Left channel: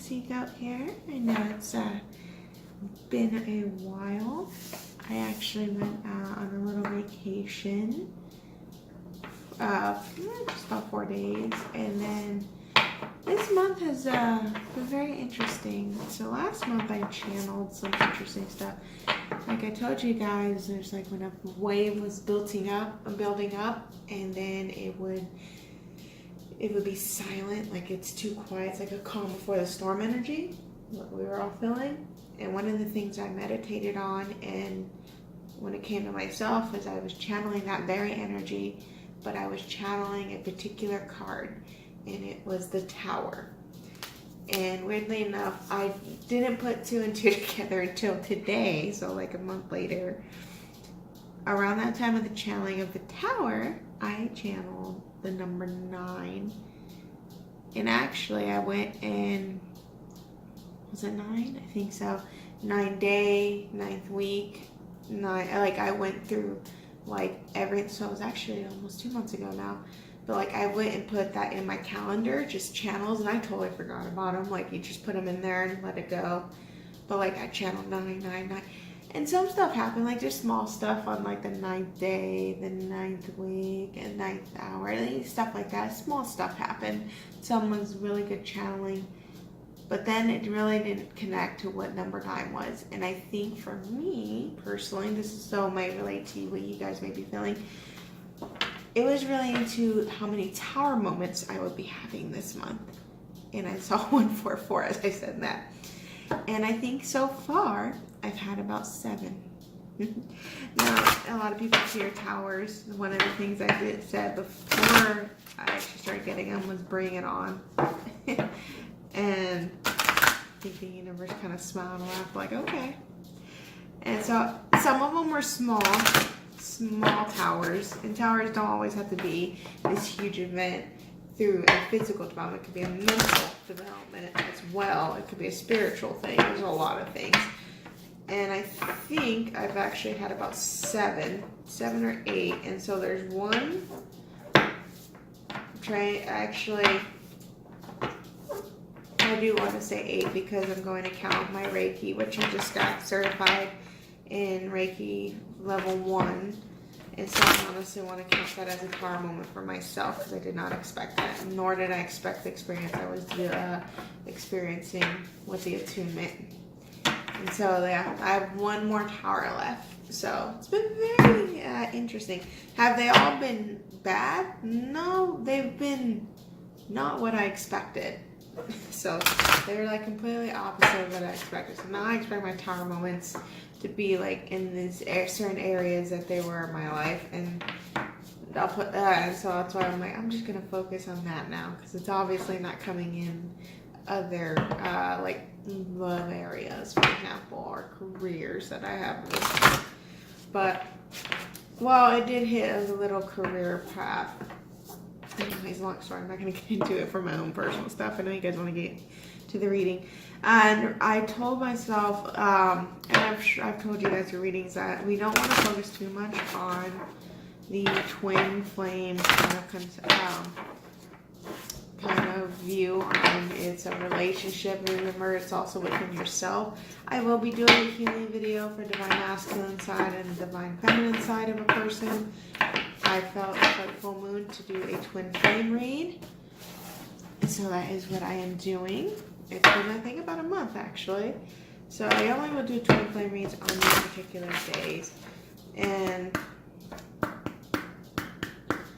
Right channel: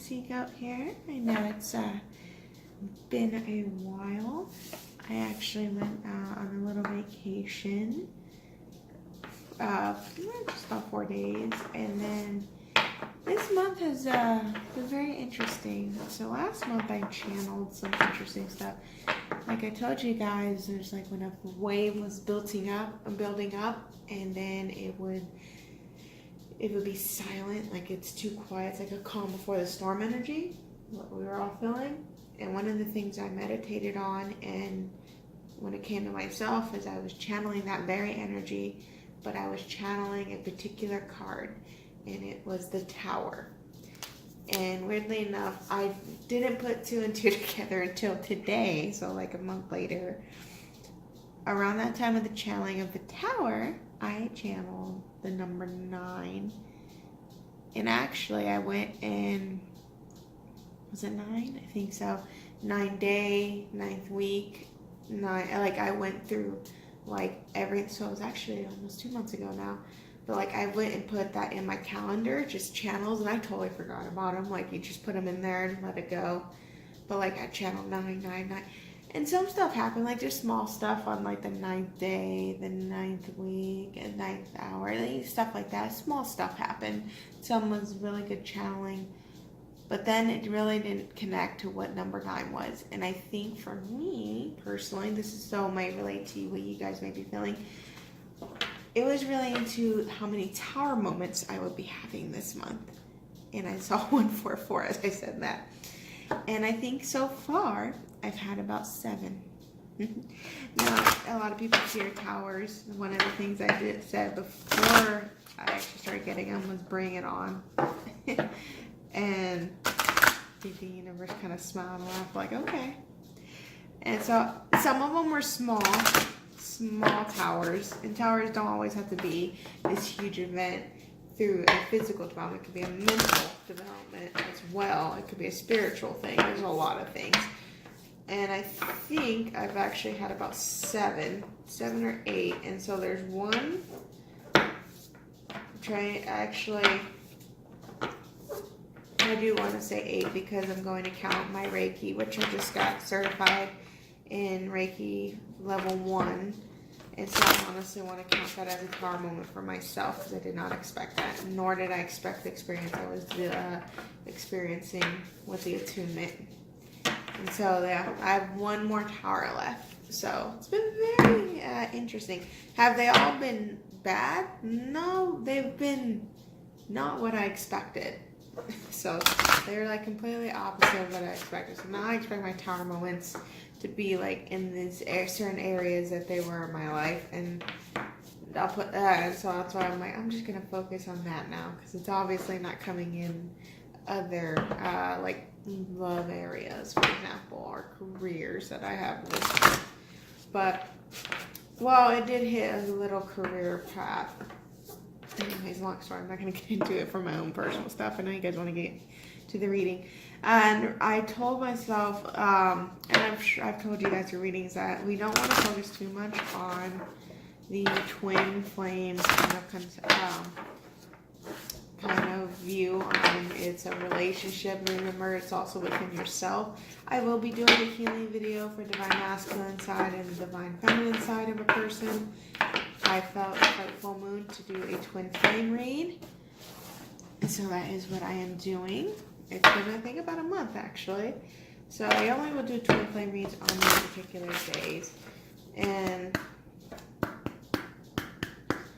Seek out here. I know it's been a while. I actually went on a little vacation, just about 4 days, and then this month has been very interesting. So last month I channeled some interesting stuff. Like I told you guys, there's like when a wave was building up, and then it would be silent, like it's too quiet. It's like a calm before the storm energy, what we were all feeling. And one of the things I meditated on, and when it came to myself, is I was channeling that very energy, but I was channeling a particular card, and it was the Tower. And weirdly enough, I didn't put 2 and 2 together until today, so like a month later. Around that time of the channeling of the Tower, I channeled the number 9. And actually, I went in, was it 9? I think so. 9 day, 9th week, 9. Like I went through like so it was actually almost 2 months ago now. But like I went and put that in my calendar, just channels, and I totally forgot about them. Like you just put them in there and let it go. But like I channeled 999. And some stuff happened, like just small stuff on like the 9th day, the 9th week, and 9th hour, stuff like that. Small stuff happened. Some was really good channeling. But then it really didn't connect to what number 9 was. And I think for me, personally, this is so might relate to what you guys may be feeling. It was relating to how many Tower moments I would be having this month. And I saw 144 as I said that. And I think so far, I've had about 7. Now, a lot of people fear towers. One of the things I said before I actually started getting them was bring it on. And the universe kind of smiled and laughed like, okay. And so some of them were small towers. And towers don't always have to be this huge event through a physical development. It could be a mental development as well. It could be a spiritual thing. There's a lot of things. And I think I've actually had about 7 or 8. And so there's one. I do want to say 8 because I'm going to count my Reiki, which I just got certified in Reiki level 1. And so I honestly want to count that as a Tower moment for myself because I did not expect that, nor did I expect the experience I was experiencing with the attunement. And so yeah, I have 1 more Tower left. So it's been very interesting. Have they all been bad? No, they've been not what I expected. So they were like completely opposite of what I expected. So now I expect my Tower moments to be like in these certain areas that they were in my life, and I'll put that. So that's why I'm like, I'm just gonna focus on that now because it's obviously not coming in other like love areas, for example, or careers that I have listed. But well, it did hit a little career path. Anyways, long story. I'm not going to get into it for my own personal stuff. I know you guys want to get to the reading. And I told myself, and I've told you guys through readings that we don't want to focus too much on the twin flame kind of view on it's a relationship. Remember, it's also within yourself. I will be doing a healing video for divine masculine side and divine feminine side of a person. I felt like full moon to do a twin flame read. So that is what I am doing. It's been, I think, about a month actually. So I only will do twin flame reads on these particular days. And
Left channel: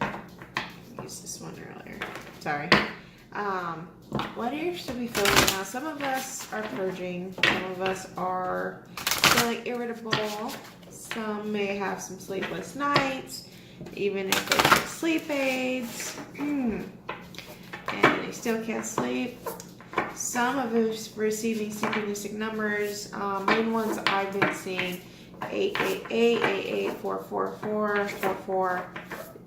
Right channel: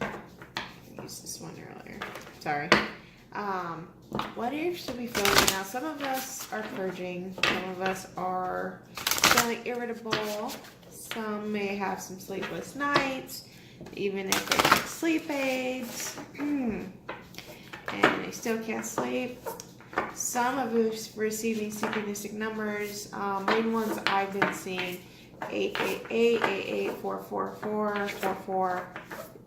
I used this one earlier. Sorry. What you should be feeling now? Some of us are purging. Some of us are feeling irritable. Some may have some sleepless nights. Even if they take sleep aids, and they still can't sleep. Some of us receiving synchronistic numbers. Main ones I've been seeing 888, 88444, 44,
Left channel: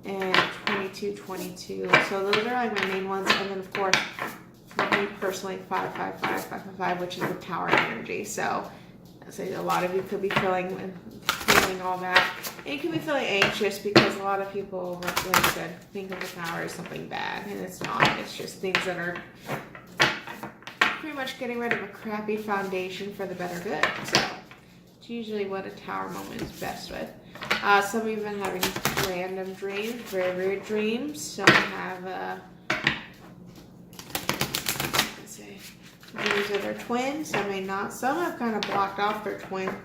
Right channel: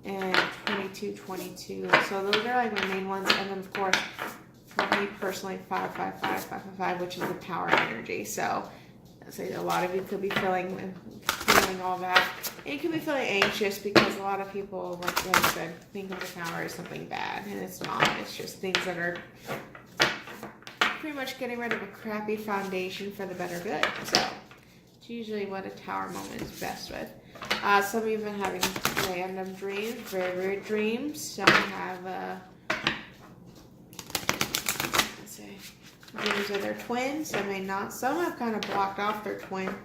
and 2222. So those are like my main ones. And then of course, for me personally, 555, 555, which is the power energy. So I say a lot of you could be feeling all that. And you could be feeling anxious because a lot of people, like I said, think of the Tower as something bad, and it's not. It's just things that are pretty much getting rid of a crappy foundation for the better good. So it's usually what a tower moment is best with. Some of you have been having random dreams, very weird dreams. Some have dreams of their twin, some may not. Some have kind of blocked off their twin.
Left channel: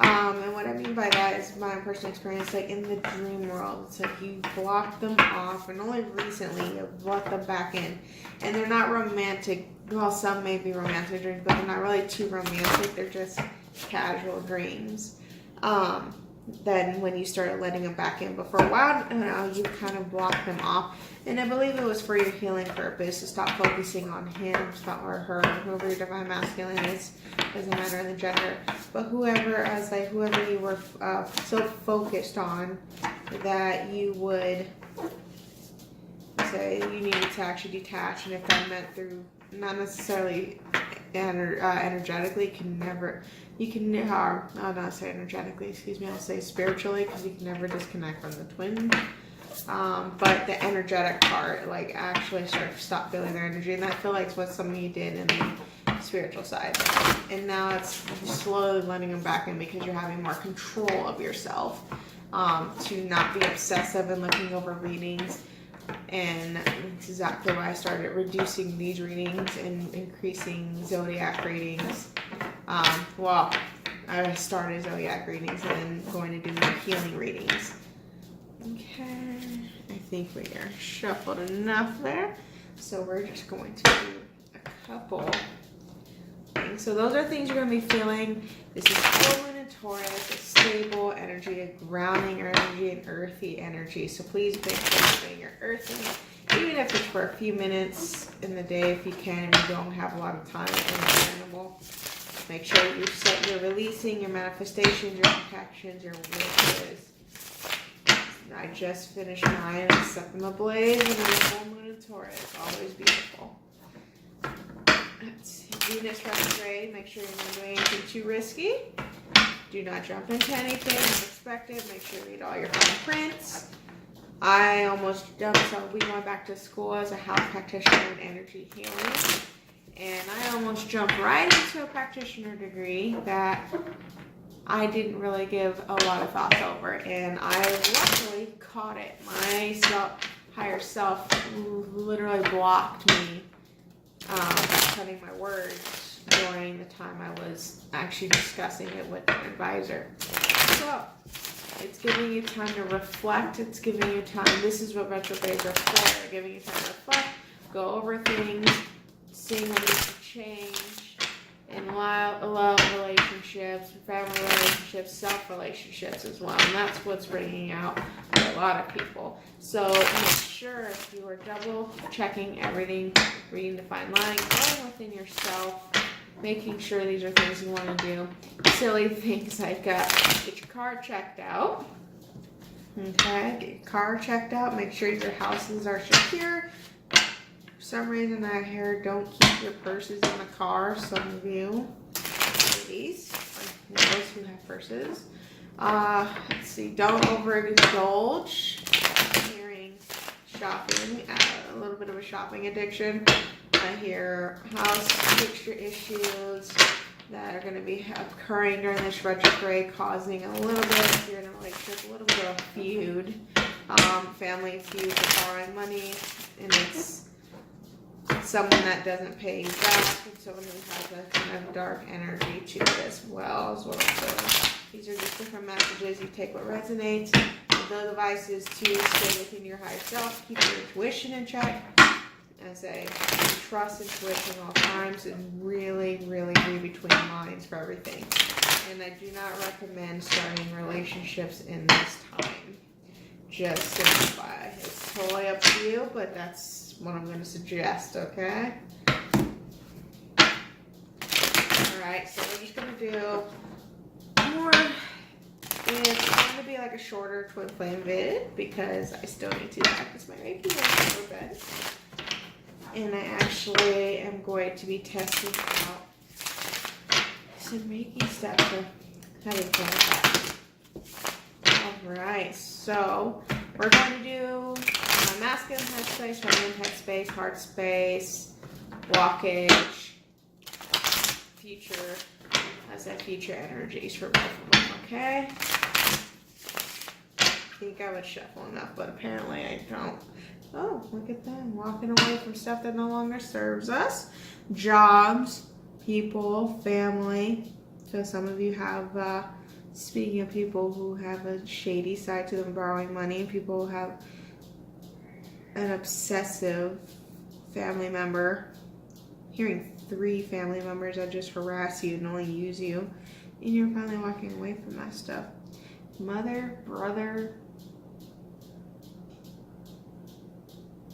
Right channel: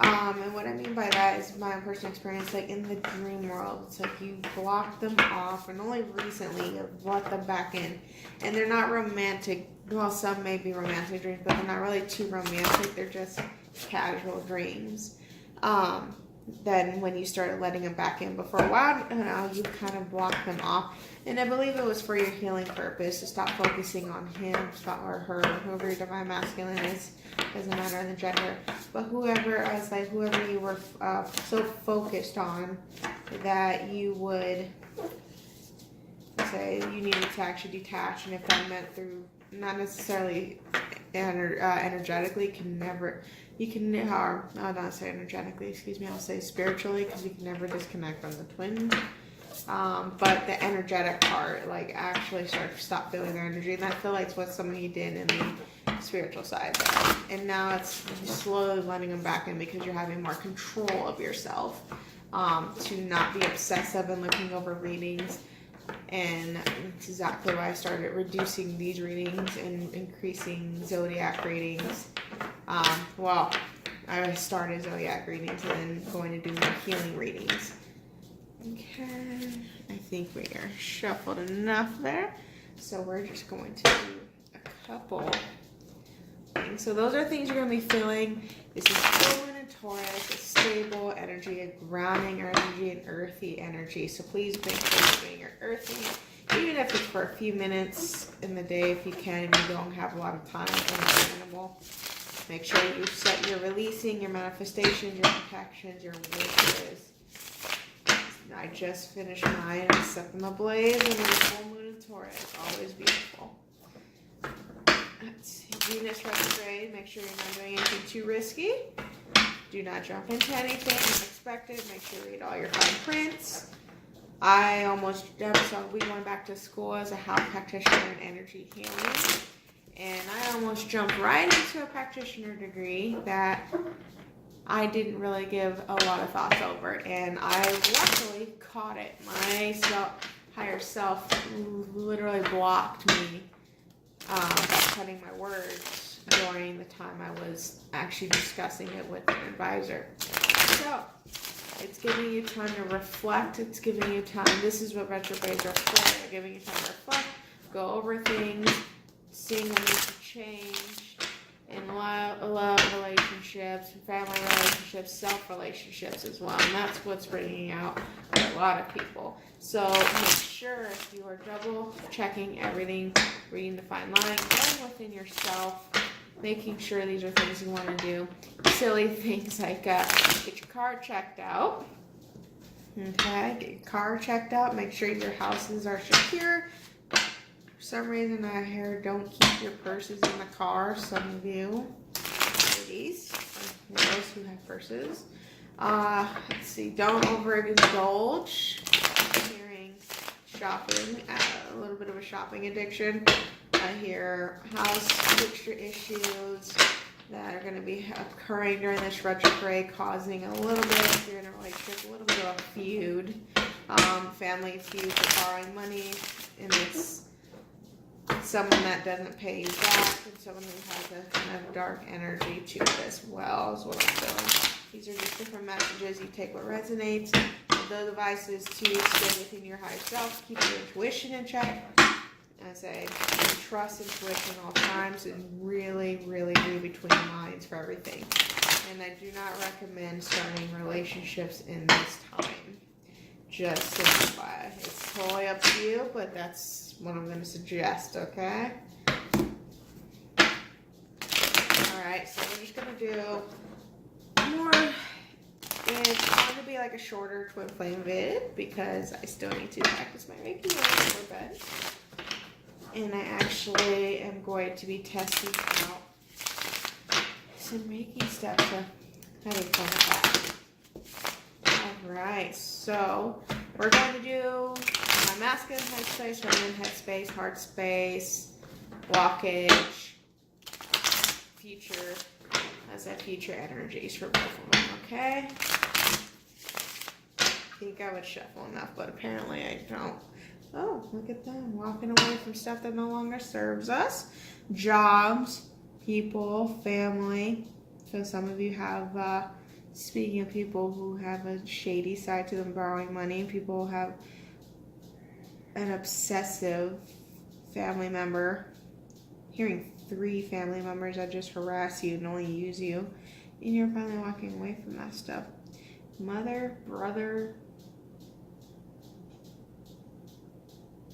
And what I mean by that is my personal experience, like in the dream world, it's like you block them off, and only recently you've brought them back in. And they're not romantic. Well, some may be romantic dreams, but they're not really too romantic. They're just casual dreams. Then when you started letting them back in, but for a while now, you kind of blocked them off. And I believe it was for your healing purpose, to stop focusing on him, or her, whoever your divine masculine is, doesn't matter the gender. But whoever you were so focused on that you would say you needed to actually detach, and if that meant through, not necessarily energetically, I'll not say energetically, excuse me, I'll say spiritually, because you can never disconnect from the twin. But the energetic part, like actually stop feeling their energy, and I feel like it's what some of you did in the spiritual side. And now it's slowly letting them back in because you're having more control of yourself, to not be obsessive and looking over readings. And it's exactly why I started reducing these readings and increasing zodiac readings. Well, I started zodiac readings and then going to do more healing readings. Okay, I think we are shuffled enough there. So we're just going to do a couple things. So those are things you're going to be feeling. This is full moon and Taurus, a stable energy, a grounding energy, an earthy energy. So please make sure you're doing your earthing, even if it's for a few minutes in the day if you can, and you don't have a lot of time with an animal. Make sure you're releasing your manifestations, your protections, your wishes. I just finished mine, Set Them Ablaze, and then full moon and Taurus. Always beautiful. Let's see. Venus retrograde. Make sure you're not doing anything too risky. Do not jump into anything unexpected. Make sure you read all your fine prints. I almost jumped, so we went back to school as a health practitioner in energy healing. And I almost jumped right into a practitioner degree that I didn't really give a lot of thoughts over. And I luckily caught it. My higher self literally blocked me by cutting my words during the time I was actually discussing it with an advisor. So it's giving you time to reflect. It's giving you time. This is what retrogrades are for. They're giving you time to reflect, go over things, seeing what needs to change in love relationships, family relationships, self-relationships as well. And that's what's bringing out for a lot of people. So make sure you are double checking everything, reading the fine line, going within yourself, making sure these are things you want to do. Silly things like get your car checked out. Okay, get your car checked out. Make sure your houses are secure. For some reason I hear don't keep your purses in the car. Some of you ladies, those who have purses. Let's see, don't overindulge. I'm hearing shopping, a little bit of a shopping addiction. I hear house fixture issues that are going to be occurring during this retrograde, causing a little bit, if you're in a relationship, a little bit of a feud, family feud for borrowing money, and it's someone that doesn't pay you back, and someone who has a kind of dark energy to it as well, is what I'm feeling. These are just different messages. You take what resonates. The advice is to stay within your higher self, keep your intuition in check. I say trust intuition all times and really, really read between the lines for everything. And I do not recommend starting relationships in this time. Just simplify. It's totally up to you, but that's what I'm going to suggest, okay? Alright, so we're just going to do more. It's going to be like a shorter twin flame vid because I still need to practice my Reiki a little bit. And I actually am going to be testing out some Reiki stuff, so having fun with that. Alright, so we're going to do my masculine headspace, feminine headspace, heart space, blockage, future, as that future energies for both of them, okay? I think I would shuffle enough, but apparently I don't. Oh, look at them, walking away from stuff that no longer serves us. Jobs, people, family. So some of you have, speaking of people who have a shady side to them, borrowing money, people have an obsessive family member. Hearing 3 family members that just harass you and only use you, and you're finally walking away from that stuff. Mother, brother,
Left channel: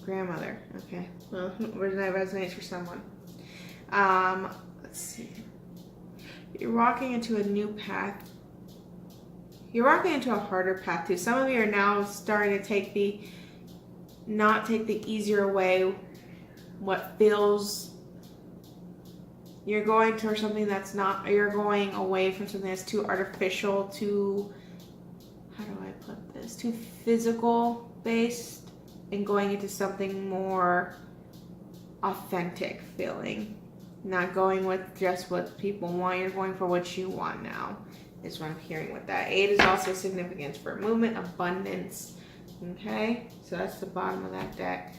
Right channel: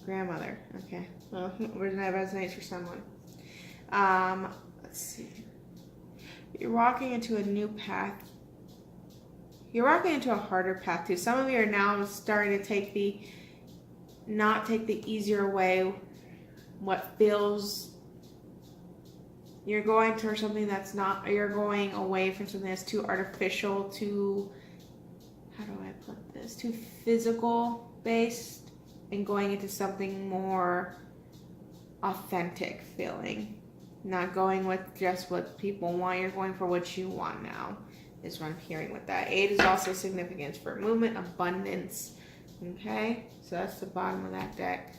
grandmother. Okay, well, that resonates for someone. Let's see. You're walking into a new path. You're walking into a harder path too. Some of you are now starting to not take the easier way. What feels, you're going towards something that's not, you're going away from something that's too artificial, too, how do I put this, too physical based, and going into something more authentic feeling. Not going with just what people want, you're going for what you want now, is what I'm hearing with that. 8 is also significant for movement, abundance, okay? So that's the bottom of that deck.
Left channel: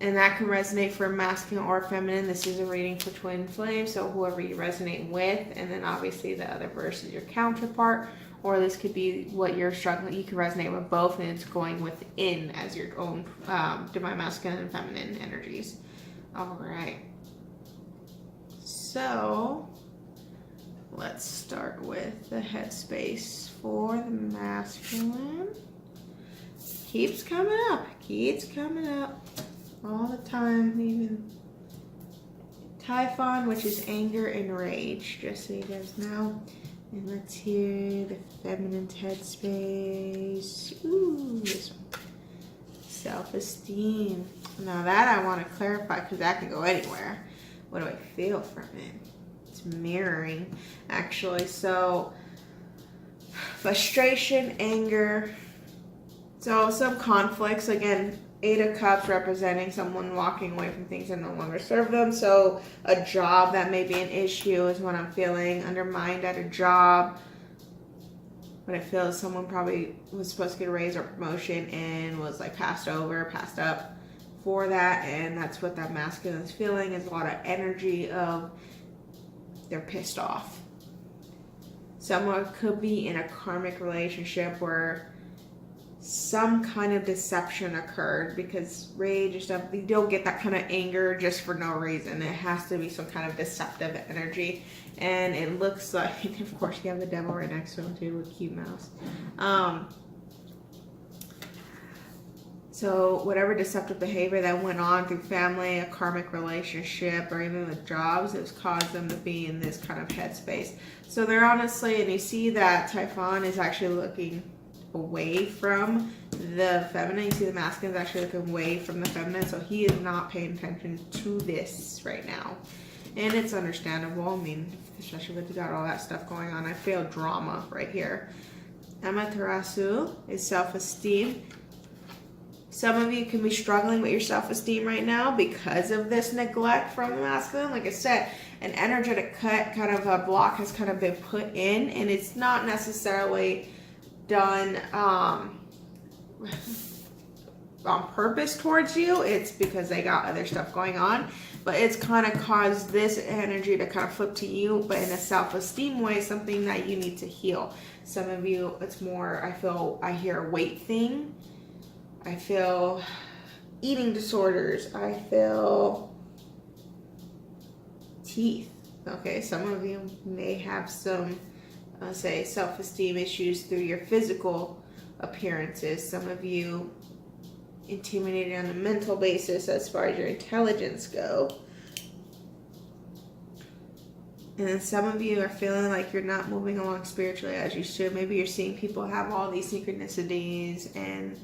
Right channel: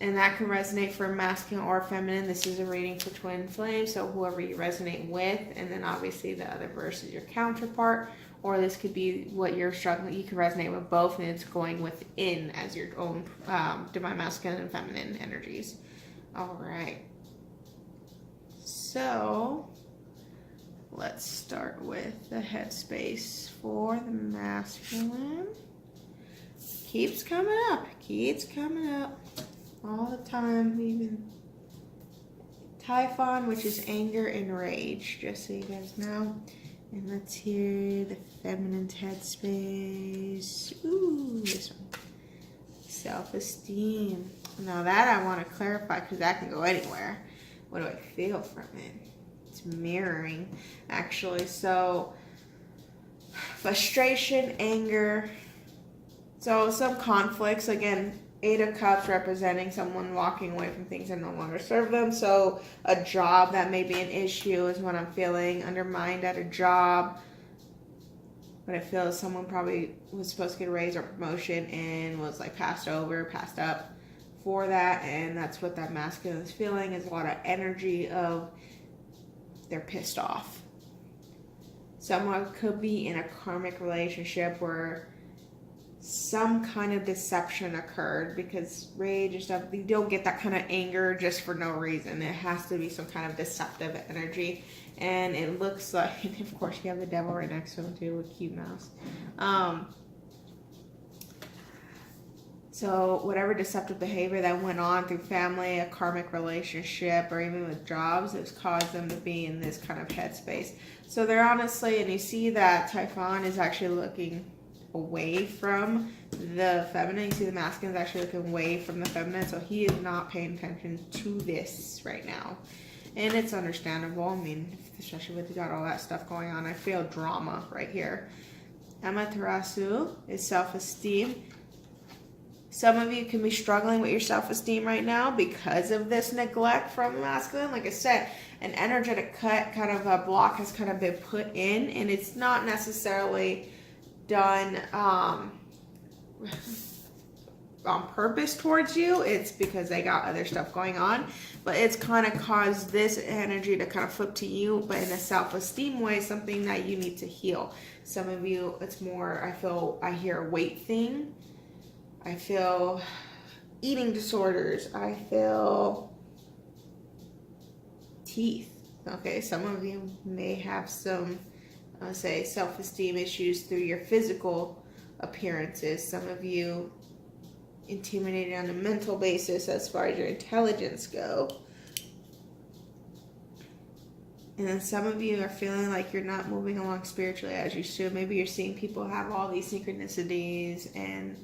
And that can resonate for masculine or feminine. This is a reading for twin flame, so whoever you resonate with, and then obviously the other verse is your counterpart, or this could be what you're struggling. You can resonate with both, and it's going within as your own divine masculine and feminine energies. All right. So let's start with the headspace for the masculine. Keeps coming up all the time. Even Typhon, which is anger and rage, just so you guys know. And let's hear the feminine headspace. Ooh, this one. Self-esteem. Now that I want to clarify because that can go anywhere. What do I feel from it? It's mirroring, actually. So, frustration, anger. So, some conflicts. Again, 8 of Cups representing someone walking away from things that no longer serve them. So, a job that may be an issue is what I'm feeling. Undermined at a job. What I feel is someone probably was supposed to get a raise or promotion and was like passed up for that, and that's what that masculine is feeling, is a lot of energy of they're pissed off. Someone could be in a karmic relationship where some kind of deception occurred, because rage and stuff, you don't get that kind of anger just for no reason. It has to be some kind of deceptive energy, and it looks like, of course, you have the devil right next to him too with cute mouse. So whatever deceptive behavior that went on through family, a karmic relationship, or even with jobs, has caused them to be in this kind of headspace. So they're honestly, and you see that Typhon is actually looking away from the feminine. You see the masculine is actually looking away from the feminine, so he is not paying attention to this right now. And it's understandable. I mean, especially with you got all that stuff going on. I feel drama right here. Amaterasu is self-esteem. Some of you can be struggling with your self-esteem right now because of this neglect from the masculine. Like I said, an energetic cut, kind of a block has kind of been put in, and it's not necessarily done on purpose towards you. It's because they got other stuff going on, but it's kind of caused this energy to kind of flip to you, but in a self-esteem way, something that you need to heal. Some of you, it's more, I hear a weight thing. I feel eating disorders. I feel teeth. Okay, some of you may have some, say, self-esteem issues through your physical appearances. Some of you intimidated on a mental basis as far as your intelligence go. And then some of you are feeling like you're not moving along spiritually as you should. Maybe you're seeing people have all these synchronicities and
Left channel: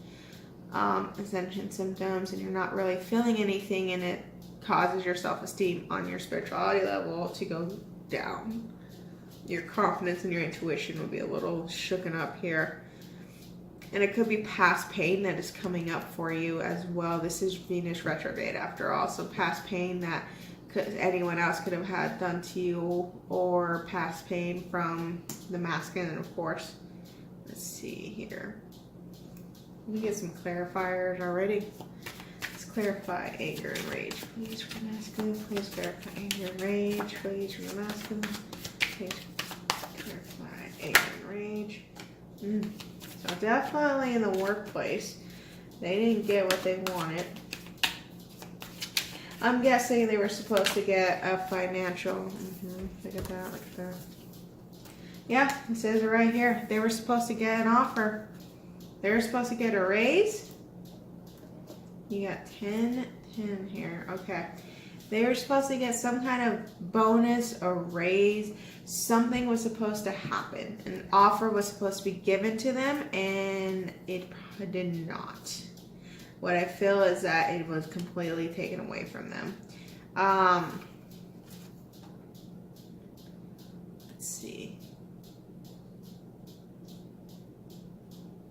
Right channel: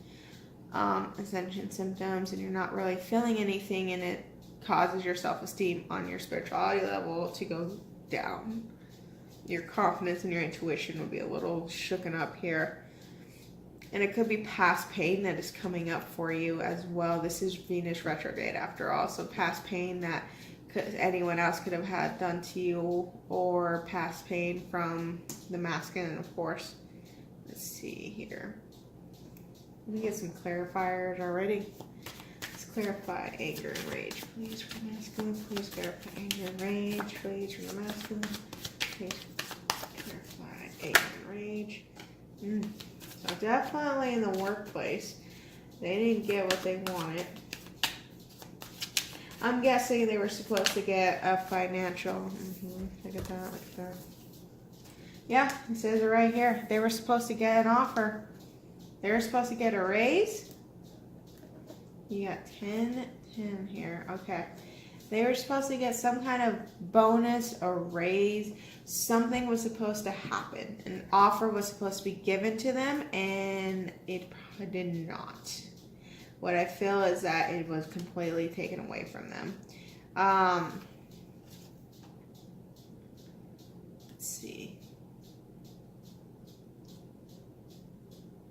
ascension symptoms, and you're not really feeling anything, and it causes your self-esteem on your spirituality level to go down. Your confidence and your intuition will be a little shooken up here. And it could be past pain that is coming up for you as well. This is Venus retrograde after all, so past pain that anyone else could have had done to you, or past pain from the masculine, of course. Let's see here. Let me get some clarifiers already. Let's clarify anger and rage. Please for masculine. Please clarify anger and rage. Rage for the masculine. Please clarify anger and rage. So definitely in the workplace, they didn't get what they wanted. I'm guessing they were supposed to get a financial. Look at that. Look at that. Yeah, it says it right here. They were supposed to get an offer. They were supposed to get a raise. You got 10 here. Okay. They were supposed to get some kind of bonus or raise. Something was supposed to happen. An offer was supposed to be given to them, and it did not. What I feel is that it was completely taken away from them. Let's see.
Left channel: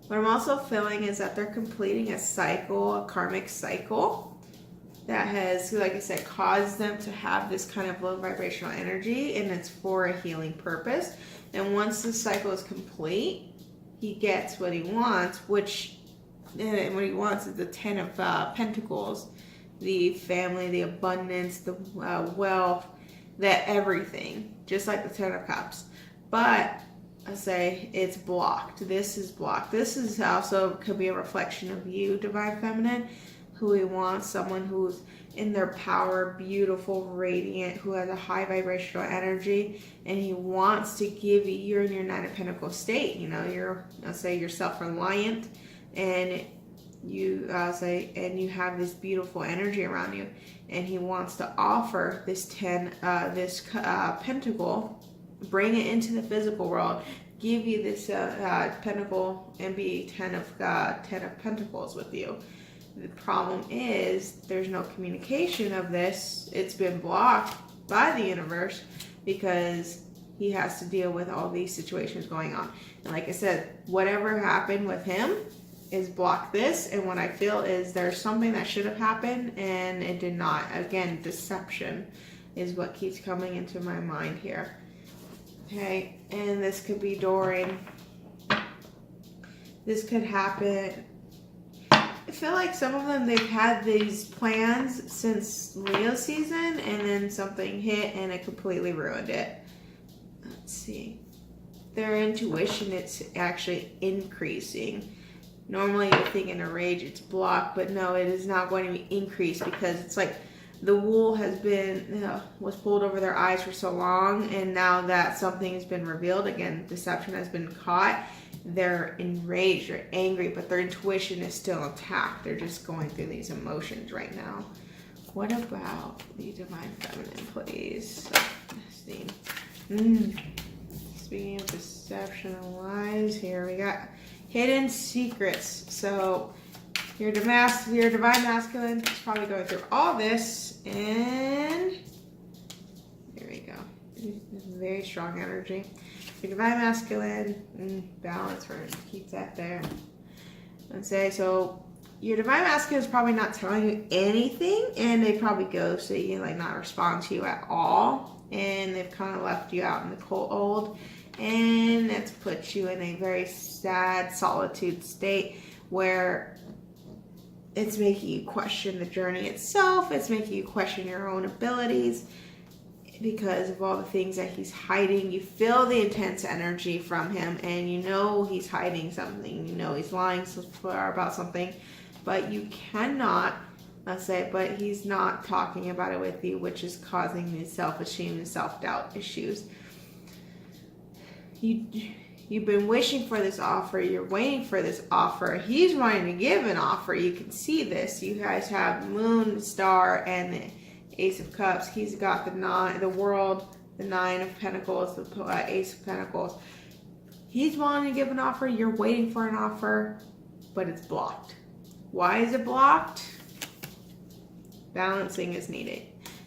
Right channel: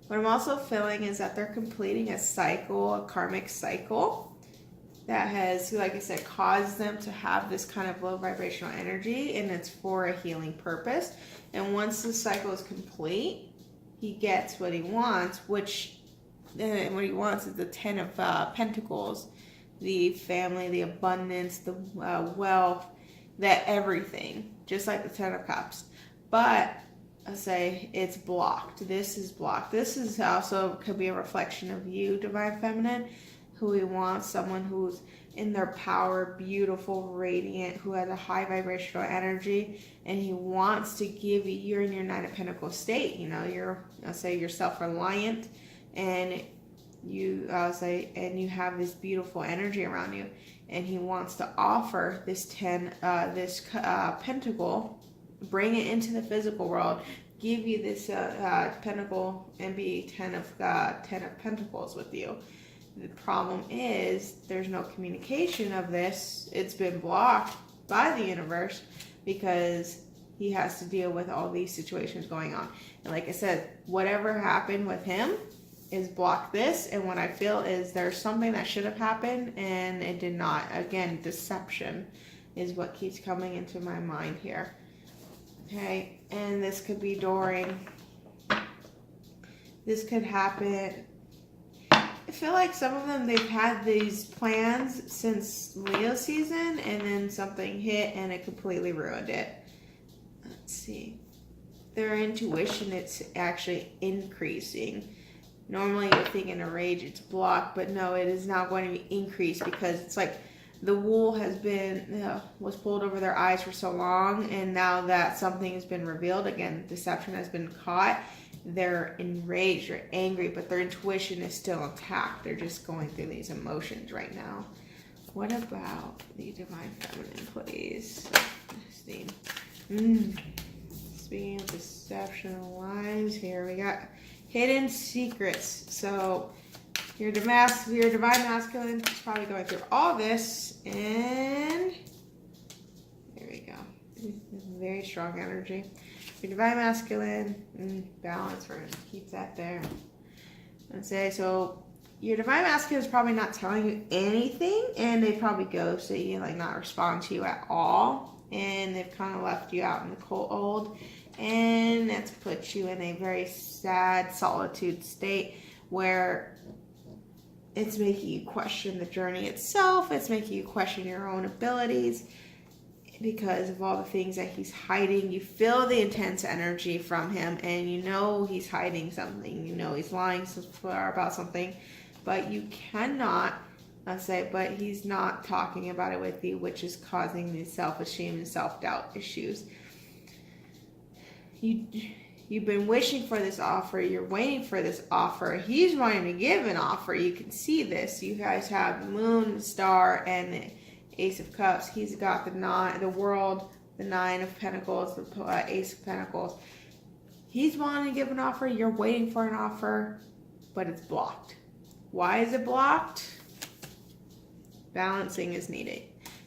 What I'm also feeling is that they're completing a cycle, a karmic cycle that has, like I said, caused them to have this kind of low vibrational energy, and it's for a healing purpose. And once the cycle is complete, he gets what he wants, and what he wants is the 10 of Pentacles, the family, the abundance, the wealth, the everything, just like the 10 of Cups. But I say it's blocked. This is blocked. This is also could be a reflection of you, Divine Feminine, who he wants, someone who's in their power, beautiful, radiant, who has a high vibrational energy, and he wants to give you, you're in your Nine of Pentacles state, you know, you're self-reliant, and you and you have this beautiful energy around you, and he wants to offer this pentacle, bring it into the physical world, give you this pentacle, and be 10 of Pentacles with you. The problem is there's no communication of this. It's been blocked by the universe because he has to deal with all these situations going on. And like I said, whatever happened with him is blocked this. And what I feel is there's something that should have happened and it did not. Again, deception is what keeps coming into my mind here. Okay, and this could be during. This could happen. I feel like some of them, they've had these plans since Leo season, and then something hit and it completely ruined it. Let's see. Their intuition, it's actually increasing. Normally you're thinking a rage, it's blocked, but no, it is not going to be increased because it's like the wool has been, was pulled over their eyes for so long, and now that something has been revealed, again, deception has been caught, they're enraged, they're angry, but their intuition is still intact. They're just going through these emotions right now. What about the Divine Feminine, please? Speaking of deception and lies, here we got hidden secrets. So your Divine Masculine is probably going through all this, and there we go. Very strong energy. Your Divine Masculine, balance, we're going to keep that there. Let's say, so your Divine Masculine is probably not telling you anything, and they probably ghost you, like not respond to you at all, and they've kind of left you out in the cold, and that's put you in a very sad solitude state where it's making you question the journey itself, it's making you question your own abilities, because of all the things that he's hiding. You feel the intense energy from him, and you know he's hiding something. You know he's lying about something, but you cannot but he's not talking about it with you, which is causing these self-esteem and self-doubt issues. You've been wishing for this offer. You're waiting for this offer. He's wanting to give an offer. You can see this. You guys have Moon, Star, and Ace of Cups. He's got the World, the Nine of Pentacles, the Ace of Pentacles. He's wanting to give an offer. You're waiting for an offer, but it's blocked. Why is it blocked? Balancing is needed.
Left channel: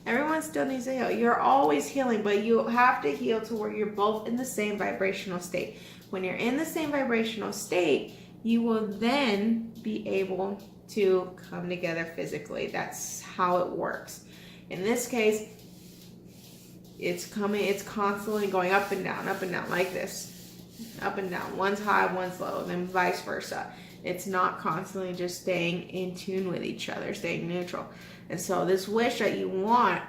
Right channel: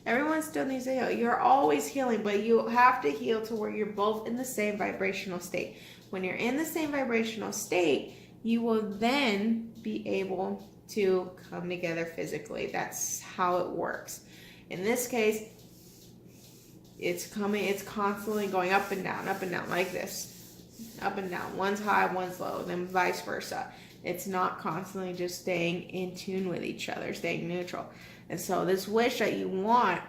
Everyone still needs to heal. You're always healing, but you have to heal to where you're both in the same vibrational state. When you're in the same vibrational state, you will then be able to come together physically. That's how it works. In this case, It's coming, it's constantly going up and down like this. Up and down. One's high, one's low, and then vice versa. It's not constantly just staying in tune with each other, staying neutral. And so this wish that you want,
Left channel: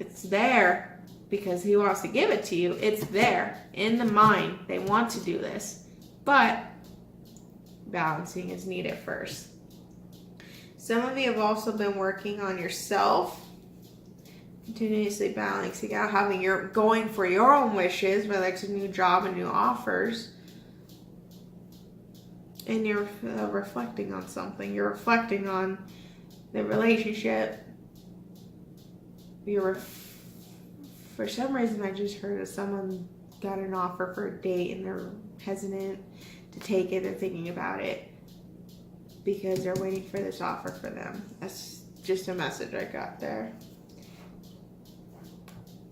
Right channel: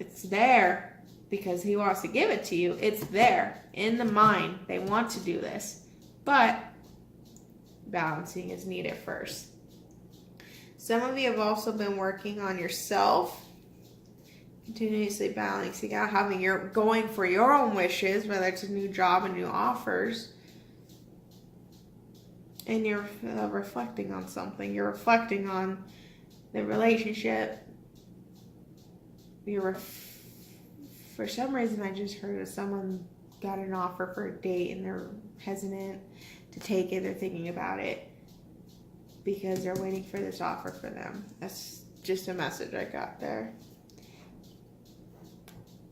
it's there because he wants to give it to you. It's there in the mind. They want to do this. But balancing is needed first. Some of you have also been working on yourself, continuously balancing out, going for your own wishes, whether it's a new job and new offers, and you're reflecting on something. You're reflecting on the relationship. For some reason, I just heard that someone got an offer for a date and they're hesitant to take it. They're thinking about it because they're waiting for this offer for them. That's just a message I got there.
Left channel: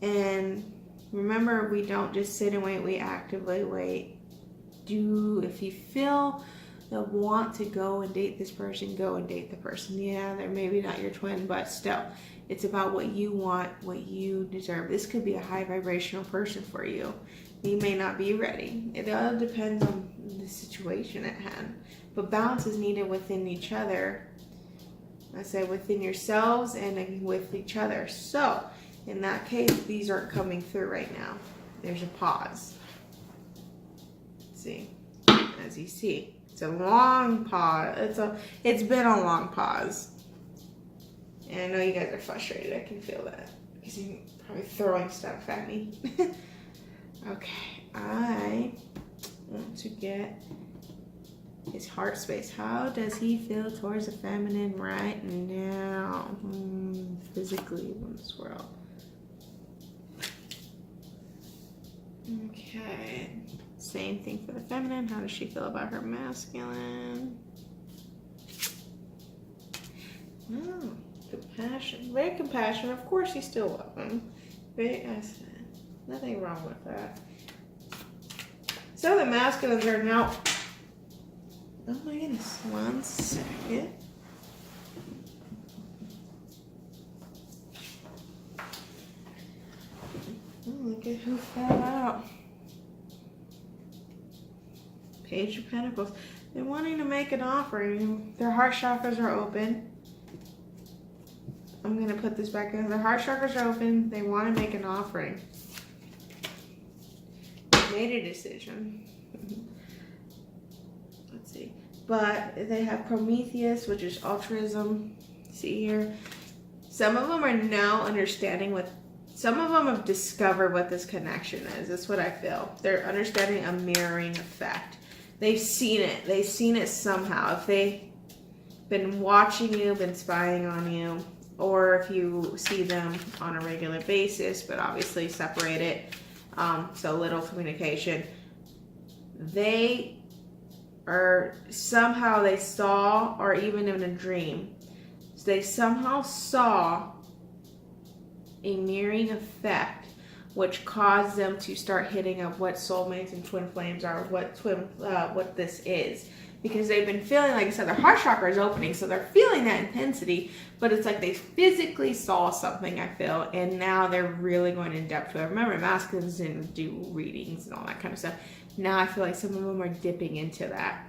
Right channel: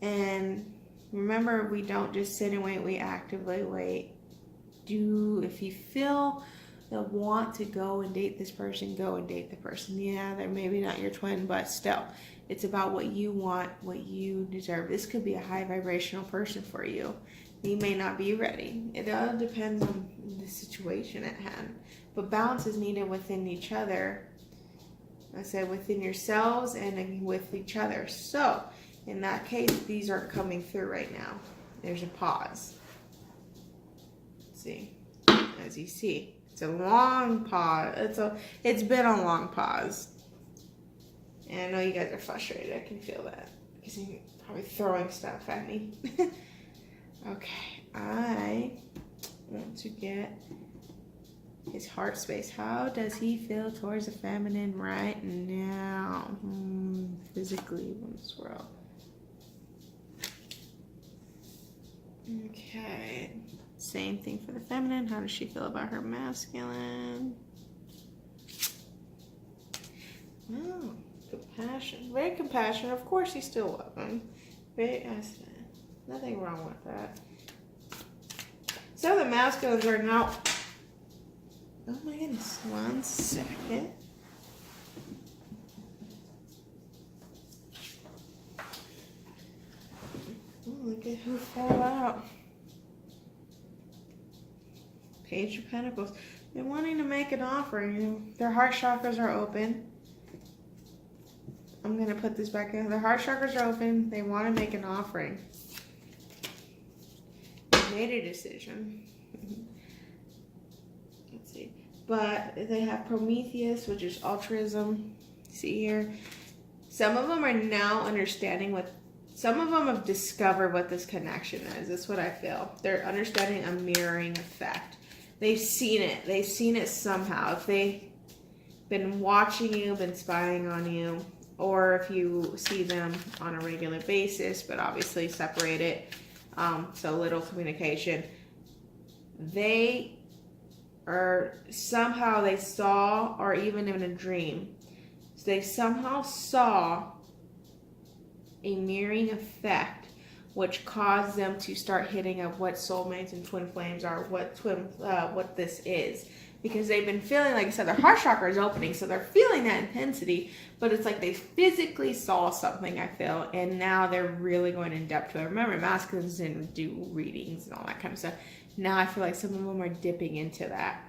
And remember, we don't just sit and wait, we actively wait. If you feel the want to go and date this person, go and date the person. Yeah, they're maybe not your twin, but still, it's about what you want, what you deserve. This could be a high vibrational person for you. You may not be ready. It all depends on the situation at hand. But balance is needed within each other. I said within yourselves and with each other. So, in that case, these aren't coming through right now. There's a pause. See, as you see, it's a long pause. It's been a long pause. And I know you guys are frustrated. I can feel that because you're probably throwing stuff at me. Okay, I want to get his heart space. How does he feel towards the feminine right now? Physically in this world. Okay. Same thing for the feminine. How does she feel about her masculine? Oh, compassion. Very compassionate. Of course, you still love him. Very acid. Nothing wrong with that. So the masculines are now. Oh my goodness. 1 second. Oh, look at who fell out. Page of Pentacles. They're wanting to make an offering. Their heart chakras are open. I'm going to put this back in. Their heart chakras are open. They want to make an offering. They made a decision. Let's see. But they have Prometheus, which is altruism. See here? Some of them are now understanding some of them have discovered what this connection is. That's what I feel. They're understanding a mirroring effect. They've seen it. They've seen it somehow. If they've been watching you, been spying on you, or if you see them on a regular basis, but obviously separated, so little communication, they are somehow they saw, or even in a dream, so they somehow saw a mirroring effect, which caused them to start hitting up what soulmates and twin flames are, what this is. Because they've been feeling, like I said, their heart chakra is opening, so they're feeling that intensity, but it's like they physically saw something, I feel, and now they're really going in depth to it. Remember, masculines didn't do readings and all that kind of stuff. Now I feel like some of them are dipping into that.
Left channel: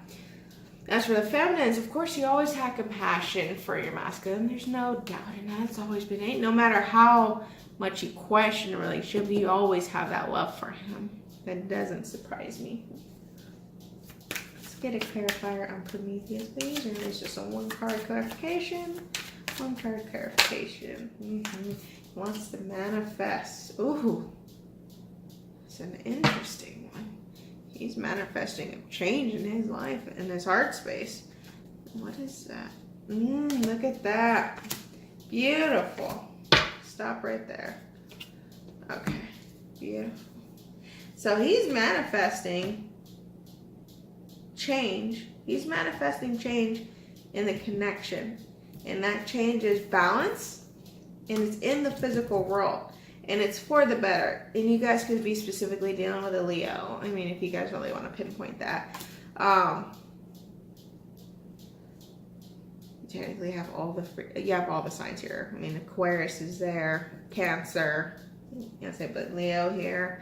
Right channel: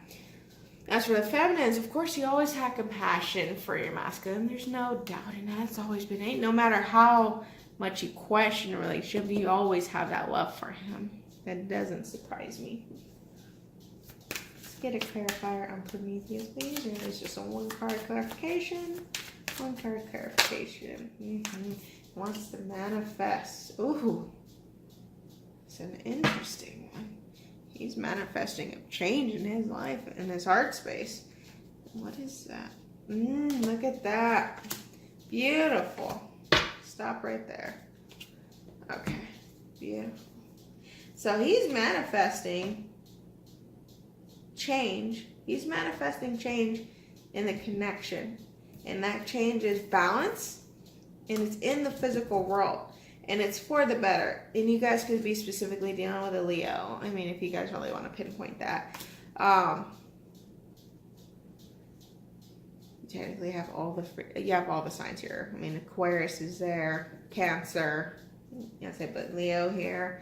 As for the feminines, of course, you always have compassion for your masculine. There's no doubt in that. It's always been it. No matter how much you question a relationship, you always have that love for him. That doesn't surprise me. Let's get a clarifier on Prometheus, please. Or is just a 1-card clarification? 1-card clarification. Wants to manifest. Ooh. It's an interesting one. He's manifesting a change in his life, in his heart space. What is that? Look at that. Beautiful. Stop right there. Okay. Beautiful. So he's manifesting change. He's manifesting change in the connection. And that change is balance. And it's in the physical world. And it's for the better. And you guys could be specifically dealing with a Leo. I mean, if you guys really want to pinpoint that. You technically have all the signs here. I mean, Aquarius is there. Cancer. Yes, I put Leo here.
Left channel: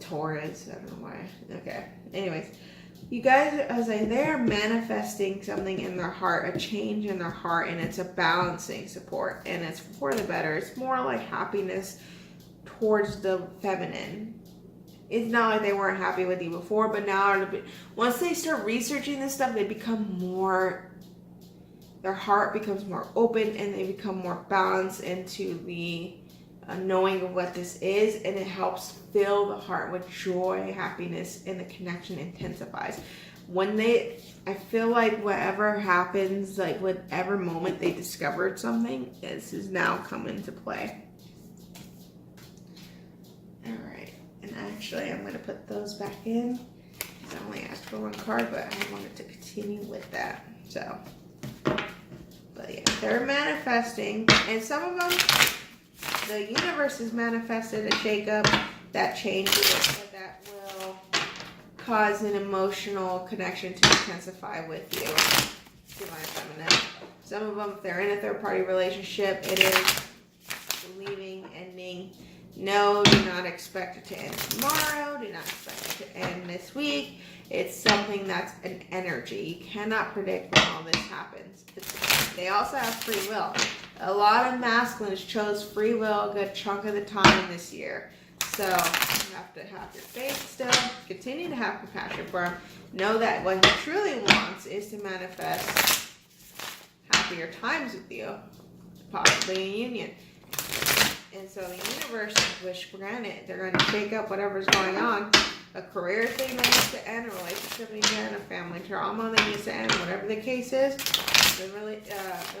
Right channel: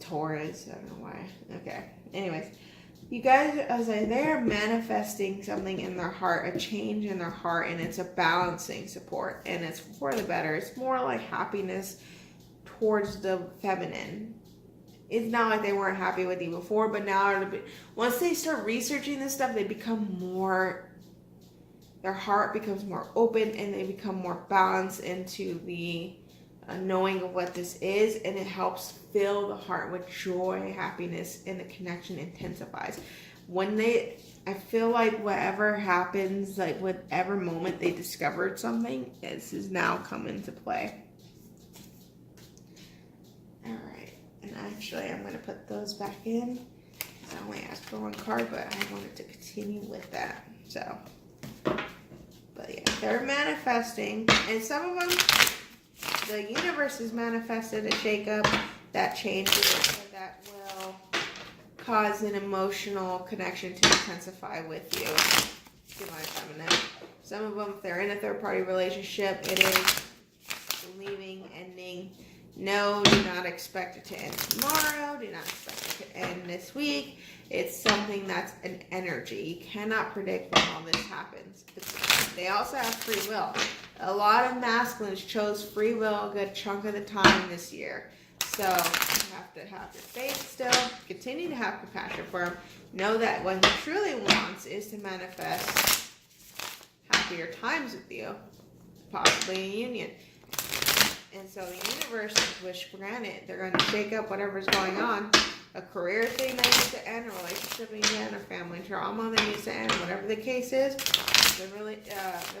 Taurus, I don't know why. Okay. Anyways, you guys, as they're manifesting something in their heart, a change in their heart, and it's a balancing support, and it's for the better. It's more like happiness towards the feminine. It's not like they weren't happy with you before, but now once they start researching this stuff, they become more, their heart becomes more open, and they become more balanced into the knowing of what this is, and it helps fill the heart with joy, happiness, and the connection intensifies. When I feel like whatever happens, like whatever moment they discovered something, this is now come into play. All right, and actually I'm going to put those back in, because I only asked for one card, but I wanted to continue with that. So, but yeah, they're manifesting, and some of them, the universe has manifested a shakeup that changes, that will cause an emotional connection to intensify with you, Divine Feminine. Some of them, if they're in a third-party relationship, it is leaving, ending. No, do not expect it to end tomorrow. Do not expect it to end this week. It's something that's an energy. You cannot predict when all this happens. They also have free will. A lot of masculines chose free will a good chunk of the time this year. So you have to have your faith still. Continue to have compassion for him. Know that what he truly wants is to manifest happier times with you. Possibly a union. And so the universe is wish granted. They're going to shake up whatever's going on. A career thing that needs to end, a relationship needs to end, a family trauma that needs to end, whatever the case is, the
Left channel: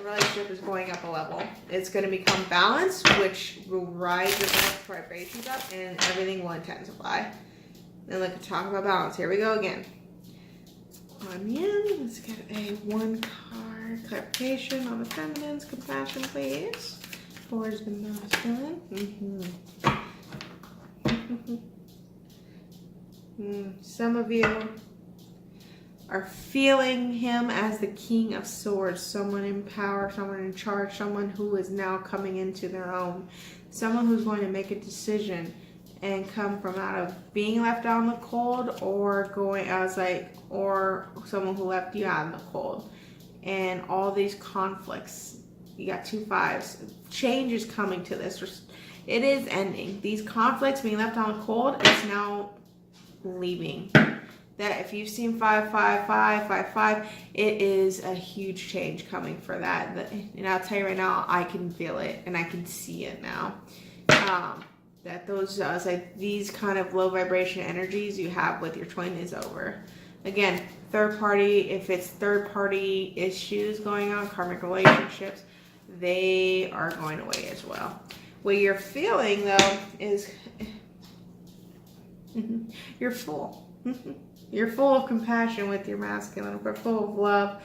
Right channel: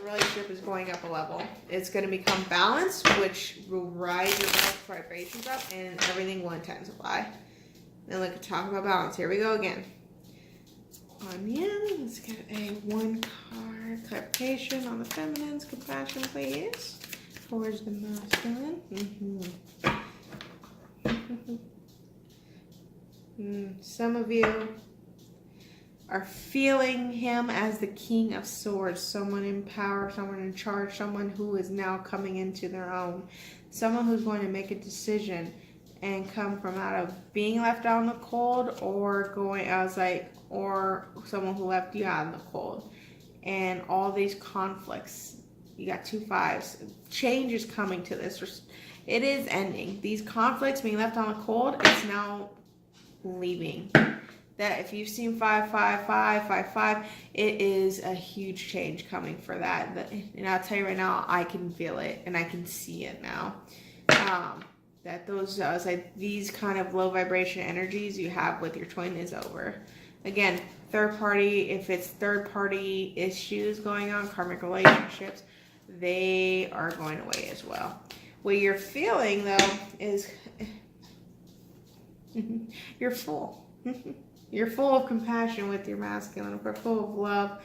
relationship is going up a level. It's going to become balanced, which will rise the vibrations up, and everything will intensify. And look, talk about balance. Here we go again. Kuan Yin, let's get a one card clarification on the feminine's compassion, please. Towards the masculine. Some of you are feeling him as the King of Swords, someone in power, someone in charge, someone who is now coming into their own, someone who's going to make a decision and come from out of being left out in the cold, or going as or someone who left you out in the cold, and all these conflicts. You got 2 5s. Change is coming to this. It is ending. These conflicts being left out in the cold, it's now leaving. That if you've seen 5 5 5 5 5, it is a huge change coming for that. And I'll tell you right now, I can feel it and I can see it now. That those these kind of low vibration energies you have with your twin is over. Again, third party, if it's third party issues going on, karmic relationships, they are going away as well. What you're feeling though is you're full. You're full of compassion with your masculine. We're full of love,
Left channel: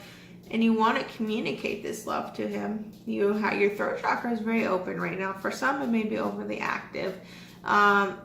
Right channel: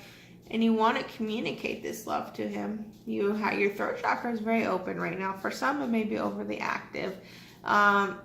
and you want to communicate this love to him. Your throat chakra is very open right now. For some, it may be overly active, and